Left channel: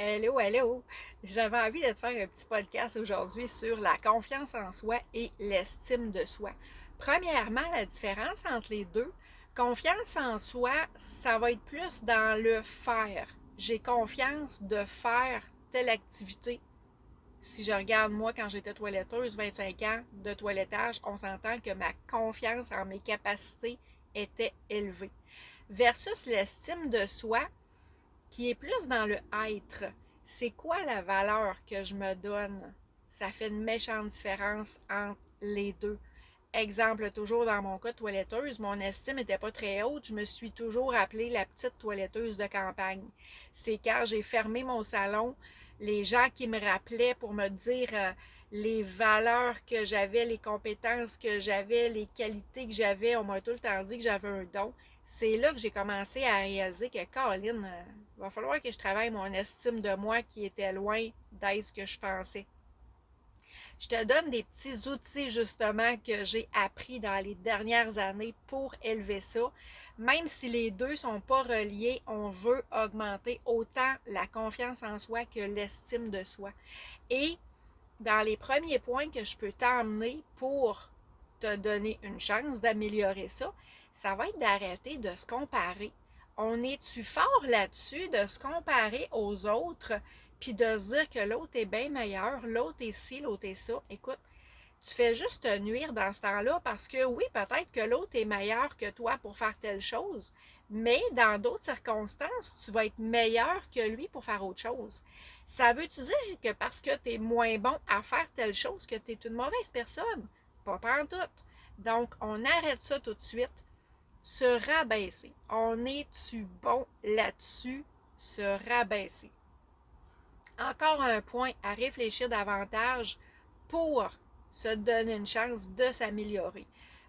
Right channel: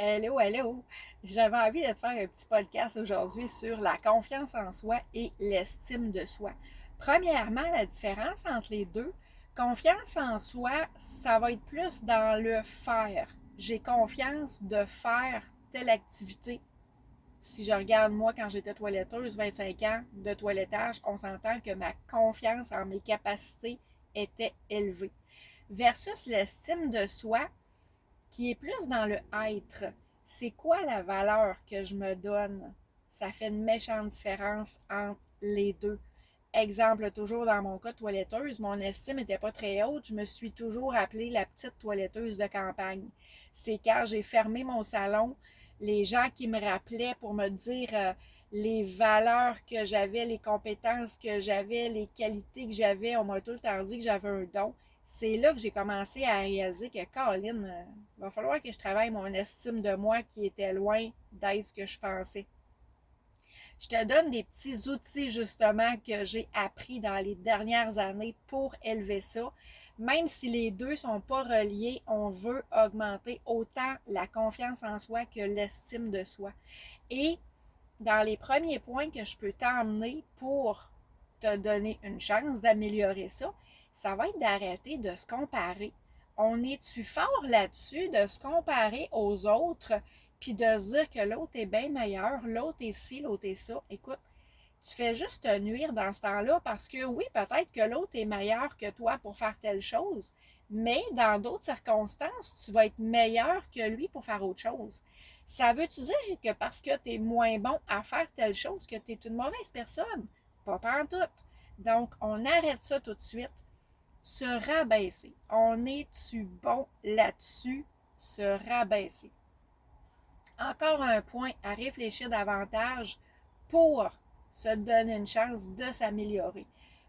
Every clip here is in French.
Hello, hello! J'avais envie de te faire un petit podcast aujourd'hui sur la confiance en soi et l'estime de soi. Premièrement, la différence entre les deux, confiance en soi, ça va être plus dans le faire. J'ai confiance de faire telle activité. Si je regarde moi quand j'étais toiletteuse, 25 ans de toilettage, on s'entend que ma confiance en mes capacités était élevée. Versus l'estime de soi, qui est plus dans le être. C'est quoi la valeur que je me donne? Ça fait une méchante différence entre les deux. Exemple, toujours dans mon cas de toiletteuse, mon estime n'était pas très haute. Je me suis toujours appelée la petite toiletteuse de campagne. C'est quand j'ai fermé mon salon, les gens qui me rappelaient pour me dire les valeurs que j'avais, les compétences que j'avais, les qualités que j'avais, on m'a tout le temps dit que j'avais un don. C'est là que j'ai commencé à réaliser que, Caroline, il va falloir que je travaille mon estime de moi qui était loin d'être ce que je pensais. Je te donne des petits outils justement que j'ai appris dans les dernières années pour élever ça. Même si les deux ne sont pas reliés, on veut augmenter autant la confiance en soi que l'estime de soi. Et dans les premiers points que je peux t'emmener pour te donner une chance d'améliorer ça, ça va être d'arrêter de se comparer. On est-tu fort là-dessus de se comparer aux autres, puis de se dire que l'autre est bien meilleur, l'autre est ci, l'autre est ça? Écoute, tu fais juste te nuire dans ce temps-là parce que oui, peut-être que l'autre est meilleur que toi pour faire telle chose, mais dans d'autres circonstances, tu vas être meilleur que lui pour faire autre chose. Ça veut-tu dire que parce que tu es moins bon à faire telle chose que tu es une mauvaise personne? Pas pantoute. Donc, on arrête ça tout de suite. Se rabaisser. On est-tu bon là-dessus? Se rabaisser. Encore un point à réfléchir davantage pour se donner une chance de s'améliorer.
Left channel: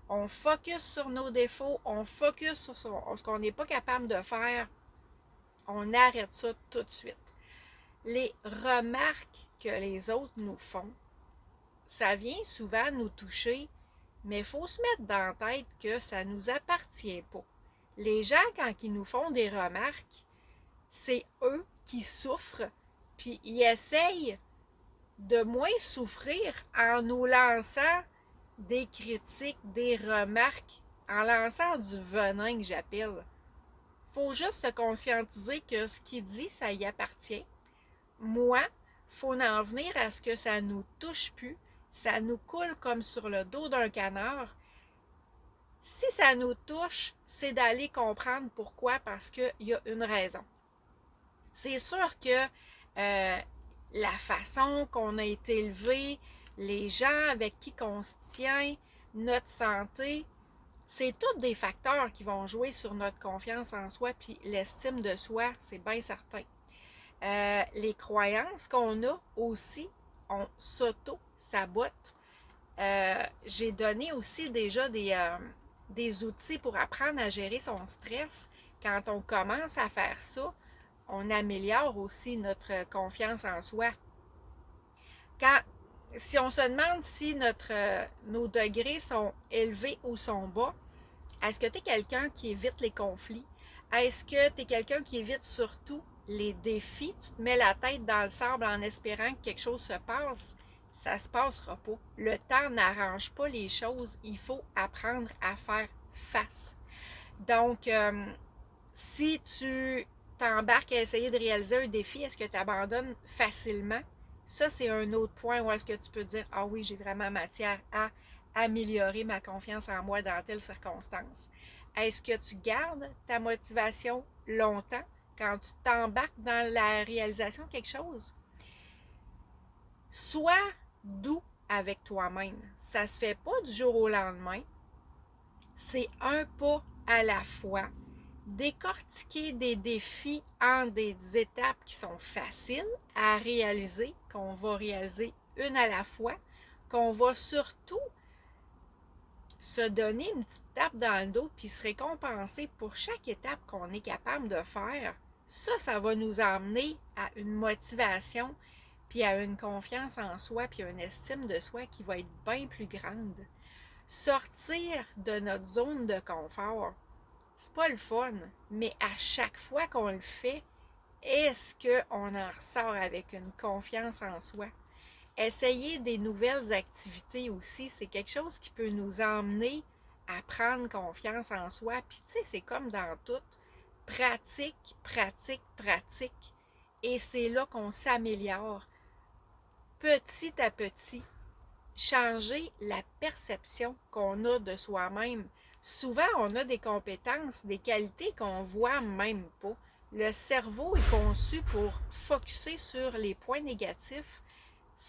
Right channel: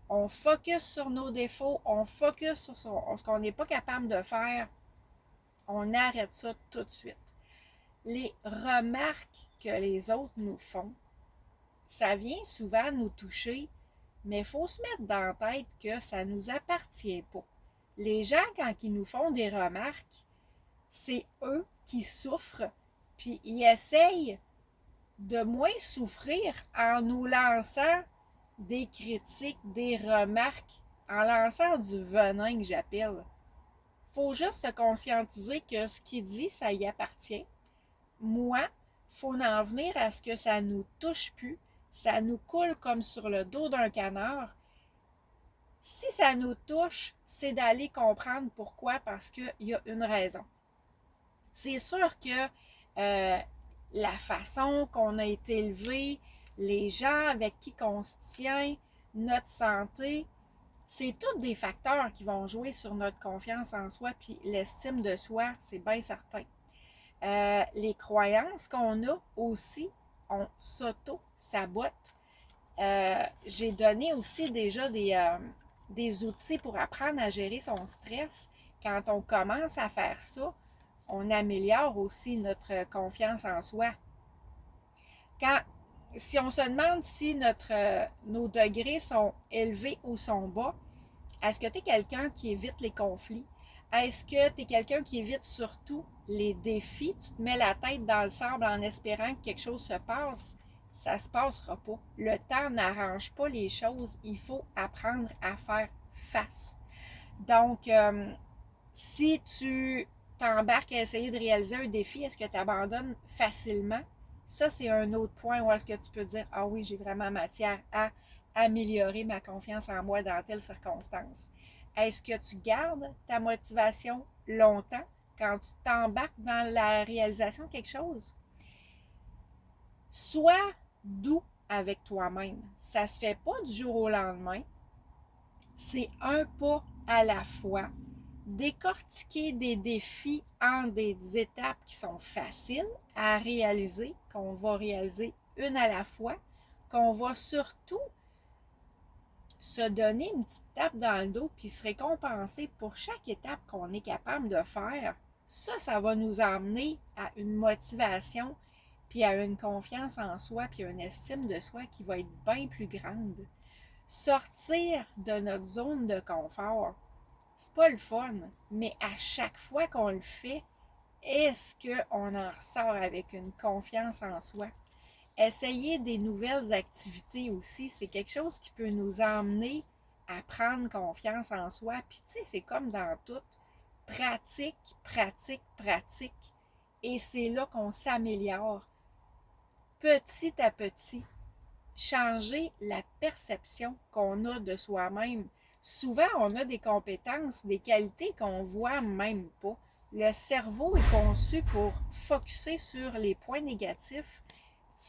On focus sur nos défauts, on focus sur ce qu'on n'est pas capable de faire, on arrête ça tout de suite. Les remarques que les autres nous font, ça vient souvent nous toucher, mais il faut se mettre dans la tête que ça ne nous appartient pas. Les gens, quand ils nous font des remarques, c'est eux qui souffrent, puis ils essayent de moins souffrir en nous lançant des critiques, des remarques, en lançant du venin que j'appelle. Faut juste se conscientiser que ce qu'il dit, ça y appartient. Moi, faut en venir à ce que ça nous touche plus, ça nous coule comme sur le dos d'un canard. Si ça nous touche, c'est d'aller comprendre pourquoi, parce qu'il y a une raison. C'est sûr que la façon qu'on a été élevé, les gens avec qui on se tient, notre santé, c'est tous des facteurs qui vont jouer sur notre confiance en soi puis l'estime de soi, c'est bien certain. Les croyances qu'on a aussi, on s'auto-sabote. J'ai donné aussi déjà des outils pour apprendre à gérer son stress. Quand on commence à faire ça, on améliore aussi notre confiance en soi. Quand, si on se demande si nos degrés sont élevés ou sont bas, est-ce que tu es quelqu'un qui évite les conflits? Est-ce que tu es quelqu'un qui évite surtout les défis? Tu te mets la tête dans le sable en espérant que quelque chose se passe? Ça ne se passera pas. Le temps n'arrange pas les choses. Il faut apprendre à faire face. Donc, si tu t'embarques à essayer de réaliser un défi, est-ce que tu abandonnes facilement? Ça, c'est un autre point où est-ce que tu peux dire, ah oui, j'ai vraiment matière à améliorer ma confiance en moi dans telle circonstance. Est-ce que tu gardes ta motivation longtemps quand tu t'embarques dans la réalisation de quelque chose? Sois doux avec toi-même. Ça se fait pas du jour au lendemain. C'est un pas à la fois. Décortiquer des défis en des étapes qui sont faciles à réaliser, qu'on va réaliser une à la fois, qu'on va surtout se donner une petite tape dans le dos puis se récompenser pour chaque étape qu'on est capable de faire. Ça va nous amener à une motivation puis à une confiance en soi puis à une estime de soi qui va être bien plus grande. Sortir de notre zone de confort, c'est pas le fun, mais à chaque fois qu'on le fait, est-ce qu'on en ressort avec une confiance en soi? Essayer des nouvelles activités aussi, c'est quelque chose qui peut nous emmener à prendre confiance en soi. Puis tu sais, c'est comme dans tout, pratique, pratique, pratique. Et c'est là qu'on s'améliore petit à petit. Changer la perception qu'on a de soi-même. Souvent, on a des compétences, des qualités qu'on voit même pas. Le cerveau est conçu pour focusser sur les points négatifs.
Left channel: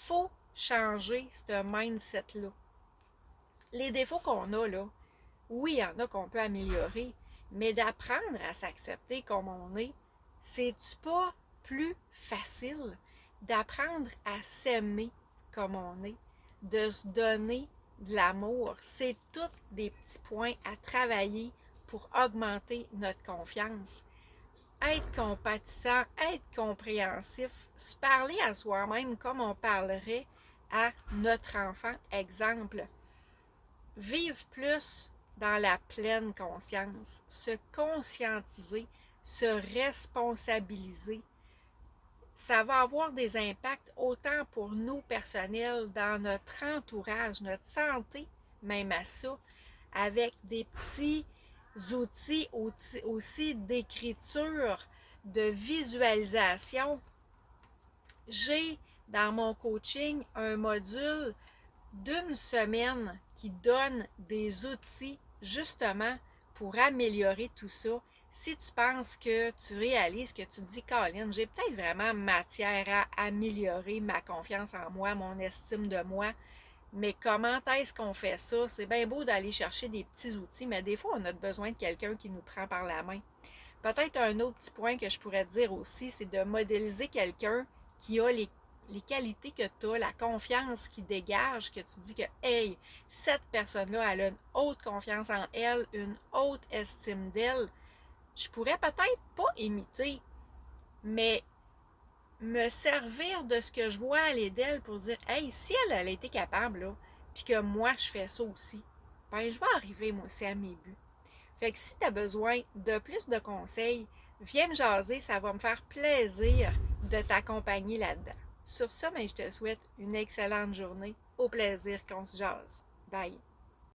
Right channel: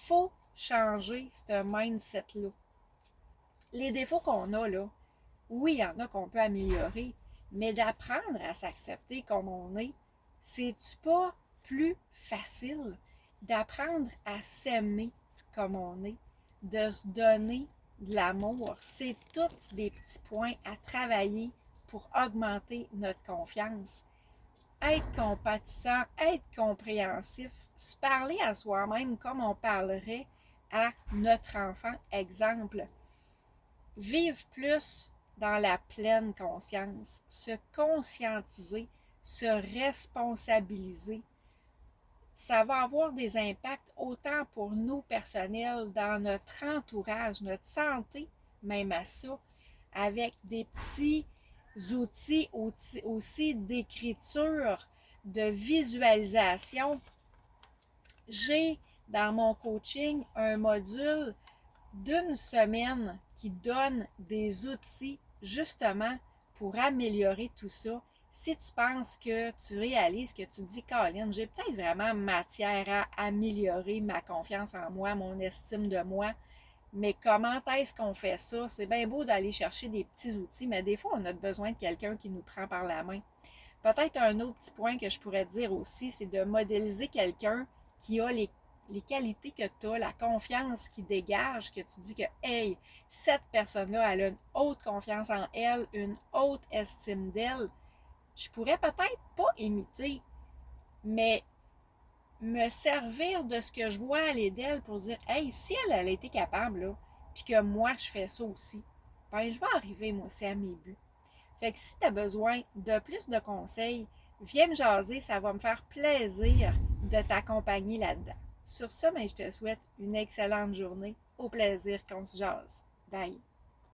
Faut changer ce mindset-là. Les défauts qu'on a, là, oui, il y en a qu'on peut améliorer, mais d'apprendre à s'accepter comme on est, c'est-tu pas plus facile d'apprendre à s'aimer comme on est, de se donner de l'amour? C'est tous des petits points à travailler pour augmenter notre confiance. Être compatissant, être compréhensif, se parler à soi-même comme on parlerait à notre enfant. Exemple, vivre plus dans la pleine conscience, se conscientiser, se responsabiliser. Ça va avoir des impacts autant pour nous personnels, dans notre entourage, notre santé, même à ça, avec des petits outils aussi d'écriture, de visualisation. J'ai dans mon coaching un module d'une semaine qui donne des outils justement pour améliorer tout ça. Si tu penses que tu réalises que tu dis, Colin, j'ai peut-être vraiment matière à améliorer ma confiance en moi, mon estime de moi, mais comment est-ce qu'on fait ça? C'est bien beau d'aller chercher des petits outils, mais des fois, on a besoin de quelqu'un qui nous prend par la main. Peut-être un autre petit point que je pourrais te dire aussi, c'est de modéliser quelqu'un qui a les qualités que tu as, la confiance qui dégage, que tu dis que, hey, cette personne-là, elle a une haute confiance en elle, une haute estime d'elle. Je pourrais peut-être pas imiter, mais me servir de ce que je vois aller d'elle pour dire, hey, si elle a été capable, là, puis que moi, je fais ça aussi, ben, je vais arriver, moi aussi, à mes buts. Fait que si tu as besoin de plus de conseils, viens me jaser, ça va me faire plaisir de t'accompagner là-dedans. Sur ça, ben, je te souhaite une excellente journée. Au plaisir qu'on se jase. Bye!